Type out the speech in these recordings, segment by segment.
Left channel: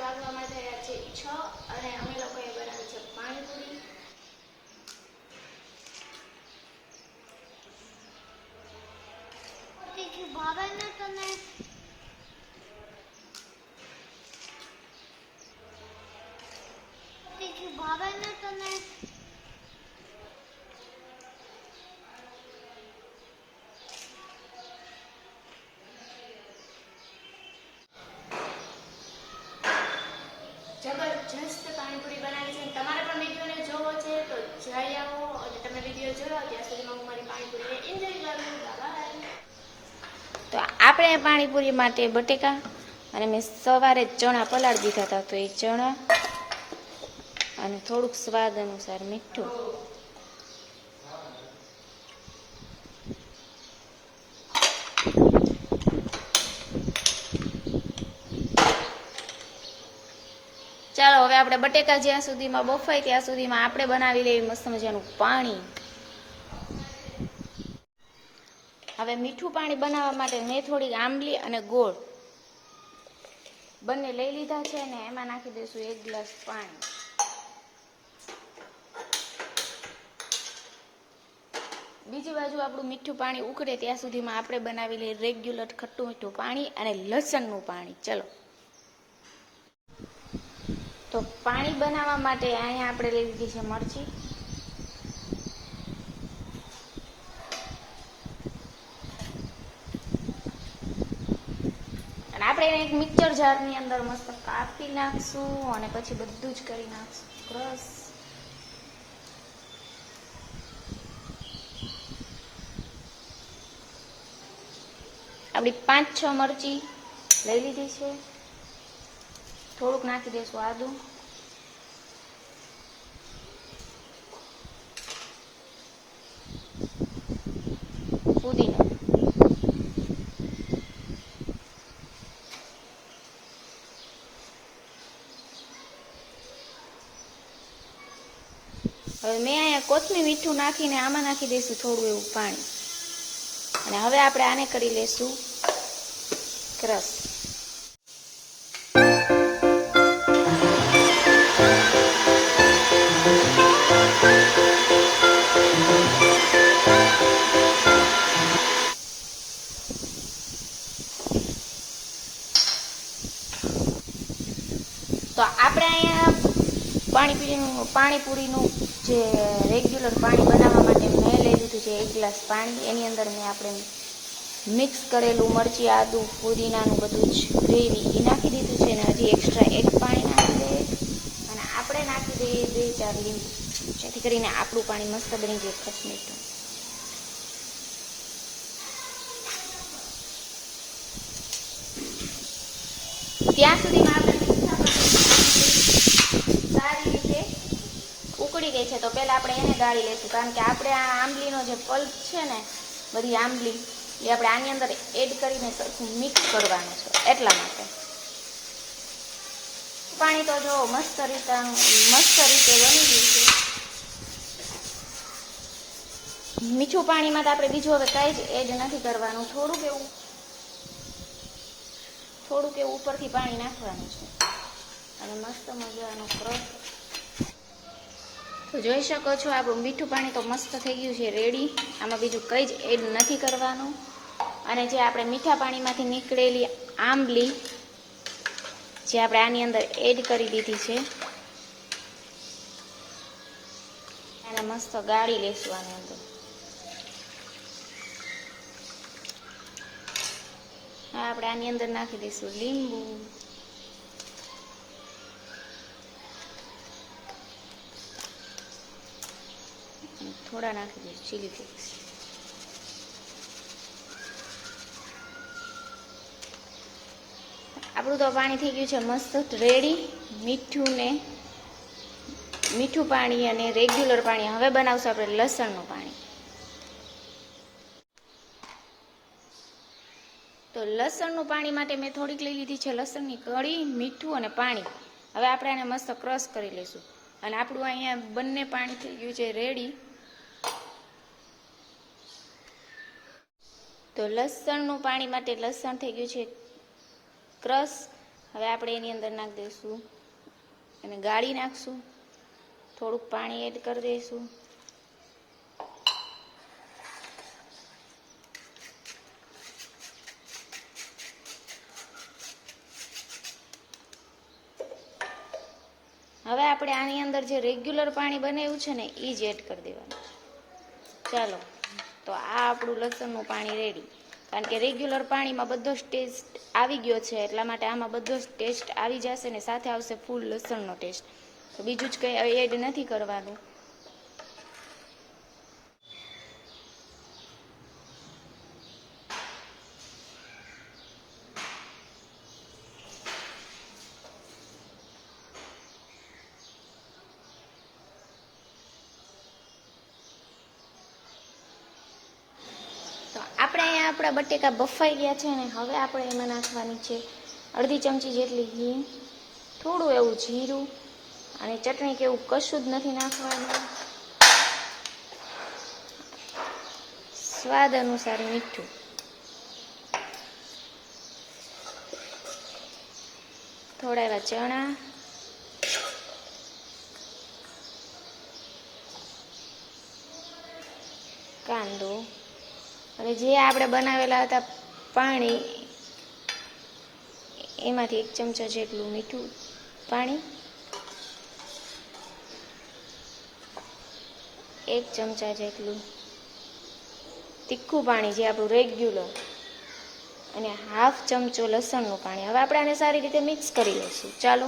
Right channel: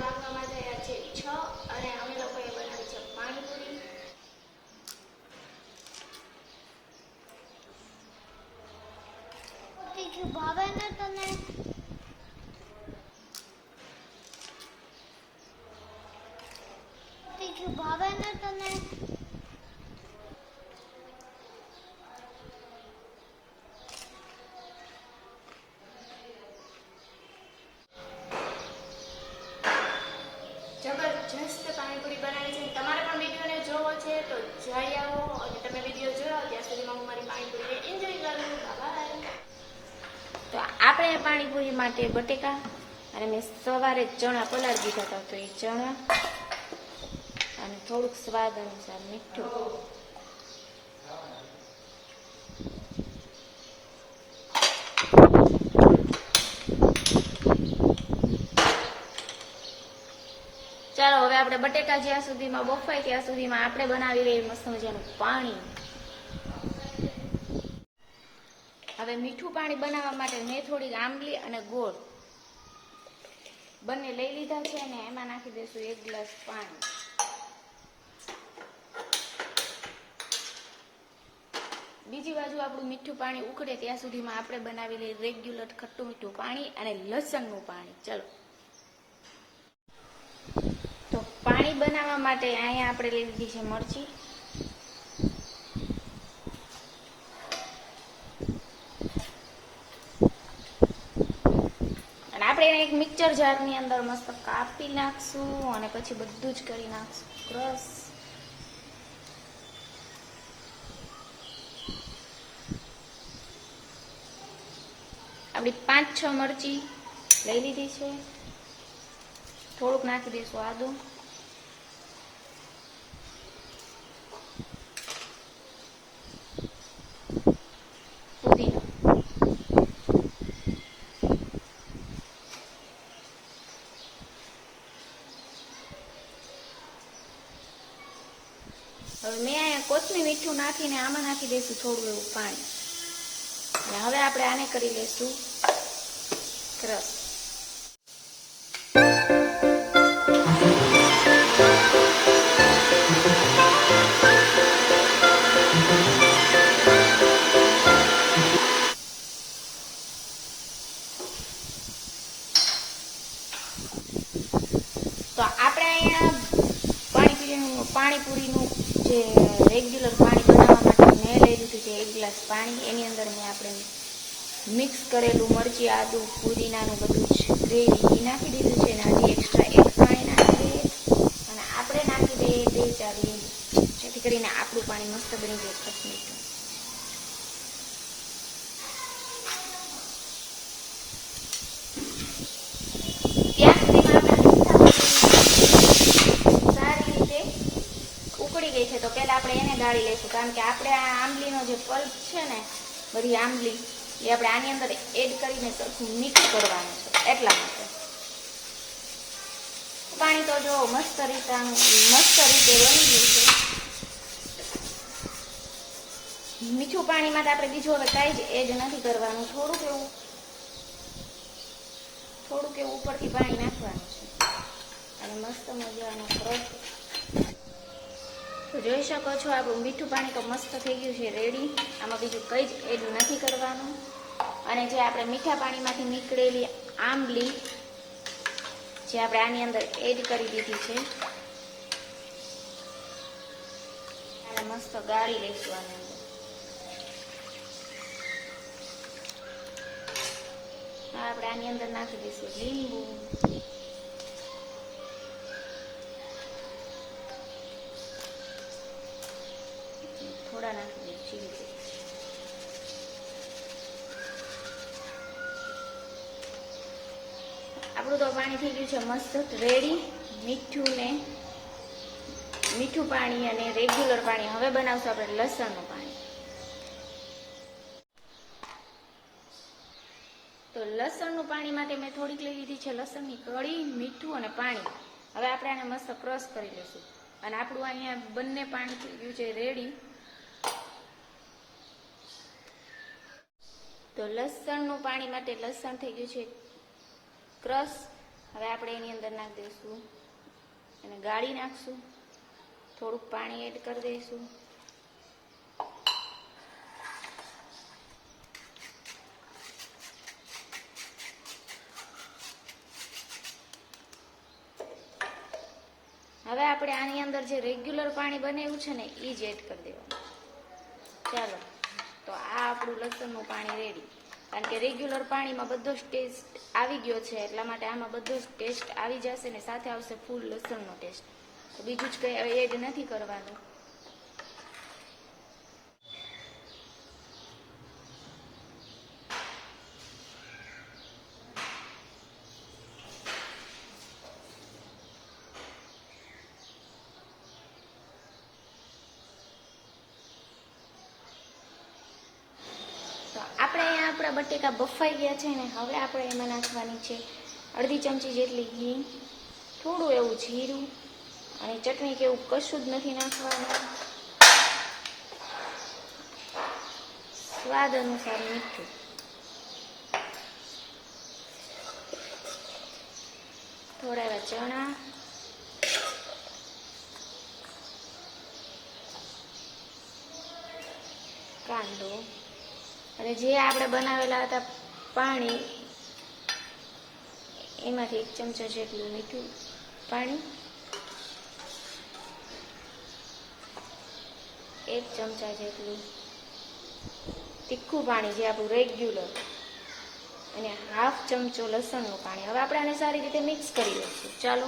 વાગવામાં થયા છે 6 અને અમે લોકોએ બનાવી છે પાણીપુરી। તીખું ભાવે ને તમે? તીખું ભાવે ને તમે? જબરજસ્ત પાણીપુરી બનાવી છે। તમારે પણ વિડીયોને જોવો છે તો જઈ આવો અને તમે વિડીયો જોયો ત્યાં સુધીમાં હું મારી પાણીપુરીને એન્જોય કરું। બાય। તો આપણે પાણીપુરી માટે બટેકા અને મેં સવારે ચણા પલાળી દીધા હતા, તો એ ચણા અને થોડુંક સ્વાદ અનુસાર મીઠું, ચાલો હવે આપણે બટેકા જ્યાં સુધીમાં બફાય ત્યાં સુધીમાં આપણે બનાવી લઈએ મસ્ત મજાનું પાણી। હવે મીઠું પાણી બનાવવા માટે મેં થોડીક આંબલી અને ગોળ બંને લઈ લીધા છે અને એમાં નાખી દઈશું 1 ગ્લાસ પાણી। બીજી બાજુ આપણું મીઠું પાણી ઉકળે ત્યાં સુધીમાં આપણે બનાવી લઈએ રેગ્યુલર ખટ્ટું મીઠું પાણી અને લસણનું પાણી। ચલો તો પાણી બનાવવા માટે અહીંયા આપણે લઈ લીધી છે મરચી, અને આપણે એને એક મિક્સર જારની અંદર મસ્ત કાપી નાખશું અને પછી બધું જ કરી નાખશું ક્રશ। આપણી 5-6 મરચી લઈ લીધી છે, થોડુંક નાખી દઈશું આદું, પુદીનો, હવે મેં અહીંયા કોથમીર મીઠું નાખીને આમાં નાખી દઈશું થોડું એવું પાણી, અને હવે આપણે આને કરી લઈશું ક્રશ। તો આપણે અહીંયા પાણીપુરીનું જે રેગ્યુલર પાણી બનાવવા માટે મેં લઈ લીધું છે 1 ગ્લાસ પાણી। એની અંદર મેં આપણે મિક્સ કરેલું મરચી, આદુ, પુદીનાનું બધું જ ગ્રેવી એ નાખી દીધું છે, અને હજી એક્સ્ટ્રા 1 પાણી નાખી દઈએ અને આપણે નાખી દઈએ 2-4 લીંબુ, જેથી કરીને આપણું પાણી મસ્ત બની જાય ખસ મીઠું। ત્યાં સારી રીતે ઉકળી ગઈ છે તો પહેલા આપણે એને ગાળી લઈશું, કારણ કે આપણે આ આંબલીનો જે પલ્પ છે ને, બધી આંબલી એ આપણે આની અંદર એડ કરીને સરખું મિક્સ કરવાનું છે, એટલા માટે। પાણી તો જો મસ્ત રીતે બની ગયું છે। મીઠું પાણીમાં તો આપણે બીજું હવે કાંઈ જ એડ નથી કરવાનું, થોડુંક એવું ઉપરથી પાણી નાખવાનું છે અને મસ્ત મજાનું ક્રશ। તો જોઈ શકો છો આપણું મીઠું પાણી તો મસ્ત થઈ ગયું છે રેડી। આમાં બીજું કંઈ જ એડ નથી કરવાનું, અને જે આપણે મીઠા પાણીમાંથી નીકળેલી આંબલી જે આપણે આની અંદર એડ કરી દીધી છે, અને મસ્ત ગાળી લઈશું આની અંદર। આપણે આની અંદર નાખી દઈશું લીંબુ, થોડા નાખી દઈશું ચીલી ફ્લેક્સ। આપણું તો પાણી થઈ ગયું છે મસ્ત રેડી, મીઠું પાણી અને રેગ્યુલર પાણી। હવે બનાવશું આપણે લસણનું પાણી। તો લસણનું પાણી માટે મેં થોડીક લઈ લીધી છે લસણની કળી, મીઠું અને પાણી। હવે આપણે આને મસ્ત ક્રશ કરી લઈશું, અને આપણું અહીંયા બંને પાણી થઈ ગયું છે રેડી। તો લસણનું પાણી માટે લસણ થઈ ગયું છે ક્રશ, હવે આપણે એની અંદર નાખી દઈશું અને ગાળી નાખશું. થોડુંક પાણી એડ કરી દઈશું. હવે આપણે આની અંદર જે રેગ્યુલર પાણી બનાવ્યું છે ને એ જ એડ કરી દેવાનું. ચાલો, તો આ આપણું લસણનું પાણી રેડી. કારણ કે રેગ્યુલર પાણીમાં બધો જ ટેસ્ટ આવી ગયો છે, એટલા માટે આમાં બધો જ ટેસ્ટ આવી જશે ને સાથે આવશે ફૂલ લસણનો ટેસ્ટ. તો બીજું જ કંઈ એડ નથી કરવાનું. આપણે અહીંયા આપણા બટેકા બફાઈ ગયા છે ને હવે આપણે એમાં નાખવાની છે અડધી ચમચી જેટલી ઘી, થોડું એવું જીરું અને ચટણી કે એવું કશું જ નથી નાખવાનું. સ્વાદ અનુસાર મીઠું. થોડા એવા ચણા, કાંદો અને જે આપણે બનાવેલા હતા પાણી એમાંથી 1 ચમચો જેટલું મીઠું પાણી, 1 ચમચા જેટલું તીખું પાણી જે આપણું રેગ્યુલર અને 1/2 ચમચો લસણનું પાણી. હવે આપણે આને સારી રીતે મિક્સ કરી લઈશું. ચાલો,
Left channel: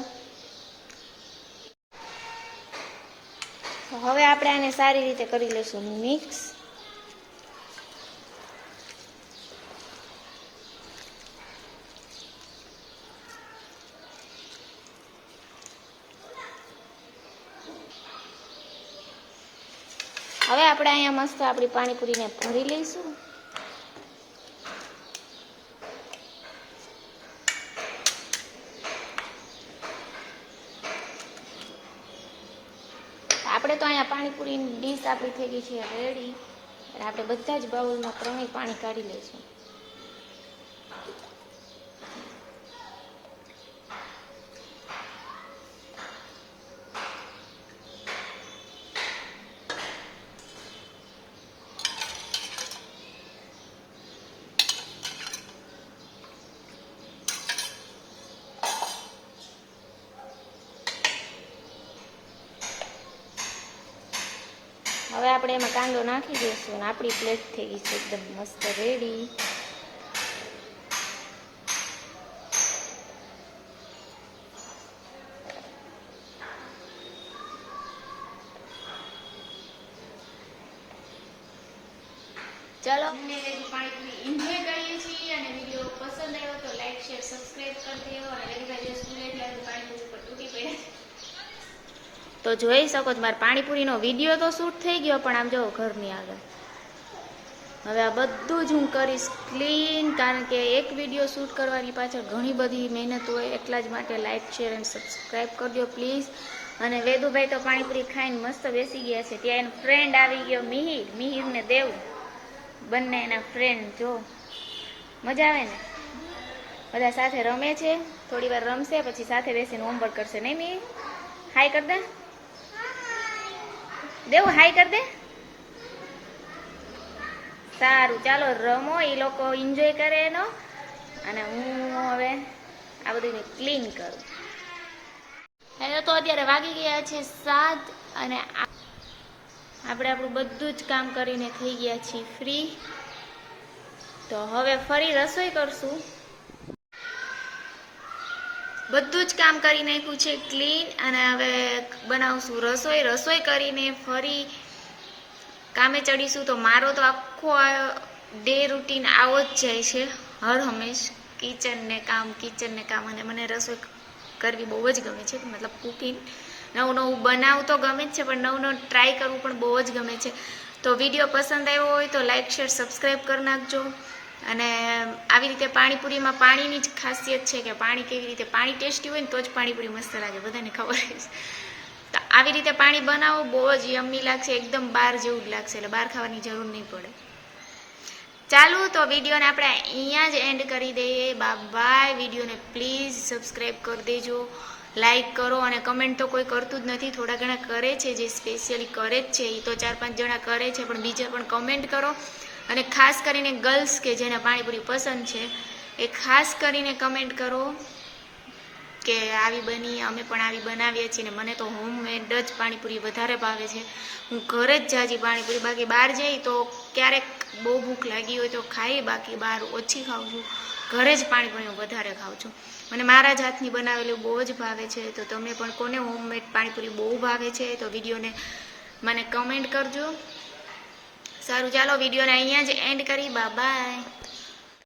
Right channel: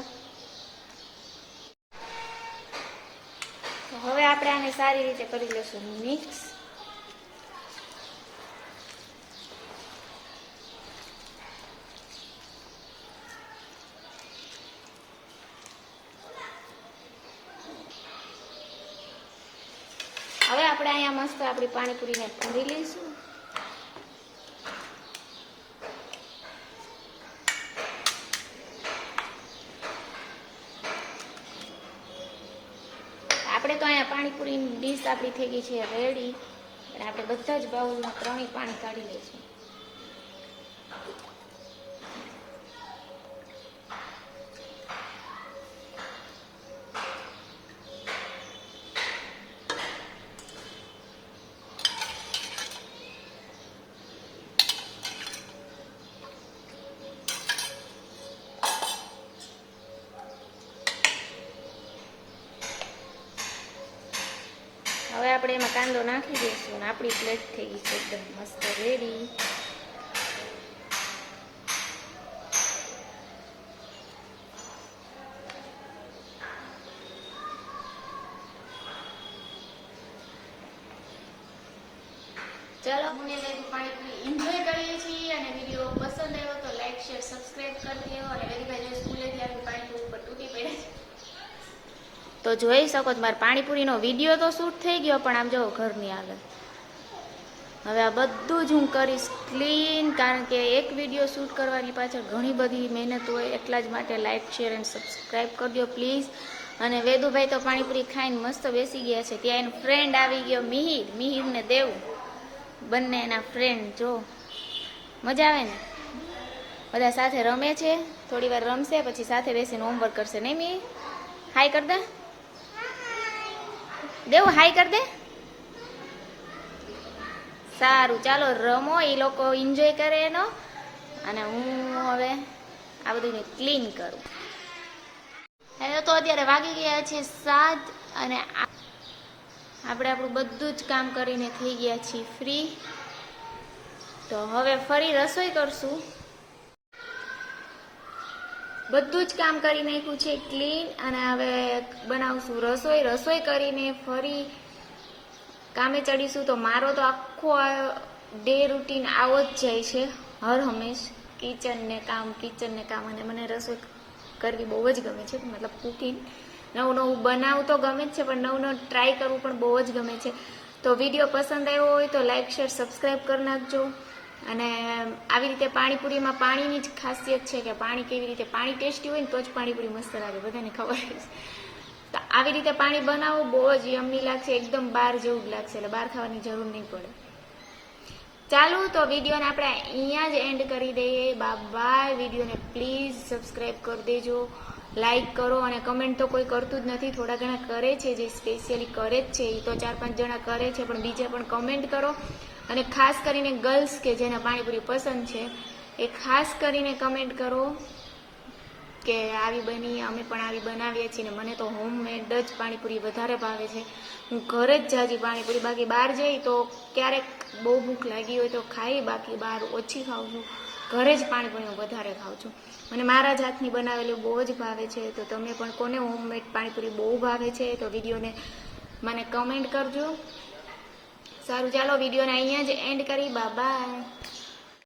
હવે આપણે આને સારી રીતે કરી લઈશું મિક્સ. હવે આપણે અહીંયા મસ્ત આપણી પાણીપુરીને ભરી લઈશું. આપણે તો અહીંયા પાણીપુરીની ડીશ આપણી થઈ ગઈ છે રેડી. અને આપણે બધા જ બાઉલમાં 3 પાણી કાઢી લઈશું. હવે આપણે એમાં કાંદો નાખી દઈશું અને આપણી પ્લેટ થઈ ગઈ છે એકદમ મસ્ત રેડી. ચાલો, મને પાણીપુરી એન્જોય કરીએ છીએ અને વિડીયો પસંદ આવ્યો તો લાઈક, શેર, સબસ્ક્રાઈબ કરી દેવો. અને વેરીભાઈ સ્કૂલેથી આવી પાણીપુરી ઉપર તૂટી પડે છે તો જોઈ શકો છો. મારે પાણીપુરીનો વિડીયો તો શૂટ થઈ ગયો, પણ આમ જો ઘરની આગળ. હવે આ બધું જ હું કરીશ ક્લીન, કારણ કે એક વિડીયો શૂટ કરવાની પાછળ ઘણી બધી મહેનત હોય. એટલા જ માટે લાઈક, શેર અને સબસ્ક્રાઈબ કરી દો પ્લીઝ. અને વેદુભાઈ તો પાણીપુરી ખાઈને મસ્ત બેસી ગયા છે. ત્યાં એનો ફ્રેન્ડ આવી ગયો મિહિર ને દેવ, બંને એના ફ્રેન્ડ. જો મજા આવે ને, બધા સાથે રમે છે. થોડી વાર રમશે પછી સાથે બેસીને હોમવર્ક કરશે. નહીં મિહિર? હાય કર દે દેવ, હાય કર દે. સારું, ચાલો રમો, એ લોકો એન્જોય કરે એનો, અને હું હવે આ બધું ક્લીન કરું. હવે તો અત્યારે વાગી ગયા છે 7 અને આપણે આપણું બધું જ કામ કરીને થઈ ગયા છીએ ફ્રી. તો હવે ફરી રસોઈ કરશું. બધું જ કામ કરી નાખ્યું છે ક્લીન, અને હવે બનાવશું રસોઈ. રસોઈ કરીને ફરી કામે ચડીશું. તો મારો તો આખો ડે રૂટીન આવો જ જાય છે હર હંમેશ. કિચન ને કામ, અને મને રસોઈ કરવી બહુ જ ગમે છે. મતલબ કુકિંગ, નવું નવું બનાવવું તો ગમે જ છે, પણ નવું નવું ટ્રાય કરવું પણ બહુ જ ગમે છે. તો વિડીયો પસંદ આવ્યો હોય તો લાઈક, શેર, સબસ્ક્રાઈબ કરી નાખજો. અને આવી રીતે પાણીપુરીમાં પાણીની જ ખાસિયત છે કે પાણી ટેસ્ટી હોય ને તો જ પાણીપુરી મસ્ત લાગે, બધાને ખબર છે. તો આવી રીતે પાણી બનાવો, બહુ જ યમ્મી લાગશે, એકદમ બહાર જેવું જ લાગશે. એટલે બહાર ખાવાની જરૂર નહીં પડે. ચાલો તો વિડીયોને આપણે અહીંયા જ એન્ડ કરી દઈએ. બાય. વિડીયોને પ્લીઝ સબસ્ક્રાઈબ કરી દેજો, લાઈક કરો અને કમેન્ટ તો કોઈ કરતું જ નથી. થોડા ઘણા કરે છે, જે સ્પેશિયલી કરે જ છે એ તો 4-5 જણા કરે છે, પણ બીજા પણ કમેન્ટ કરો. અને ખાસ કરીને ગર્લ્સ કે જેને પાણીપુરી પસંદ છે એ ખાસ કરીને કમેન્ટ કરો કે આવી બની, અમે પણ આવી બનાવીએ છીએ. ને મને તો હોમમેડ જ પાણીપુરી વધારે ભાવે છે. હું ઘરે જ જાજી પાણીપુરી, બાકી બહાર જઈ તો ક્યારેક બહુ ભૂખ લાગી હોય તો ખાઈ, બાકી બહાર ઓછી ખાઉં છું. ઘરે જ પાણીપુરી હું વધારે ખાઉં છું. મને મારા જ હાથની બનાવેલી બહુ જ ભાવે છે. તો તમને પણ કોને હોમમેડ પાણીપુરી બહુ ભાવે છે તો વિડીયોને મને કમેન્ટ કરજો. સારું, ચાલો વિડીયોને અહીંયા જ એન્ડ કરી. બાય.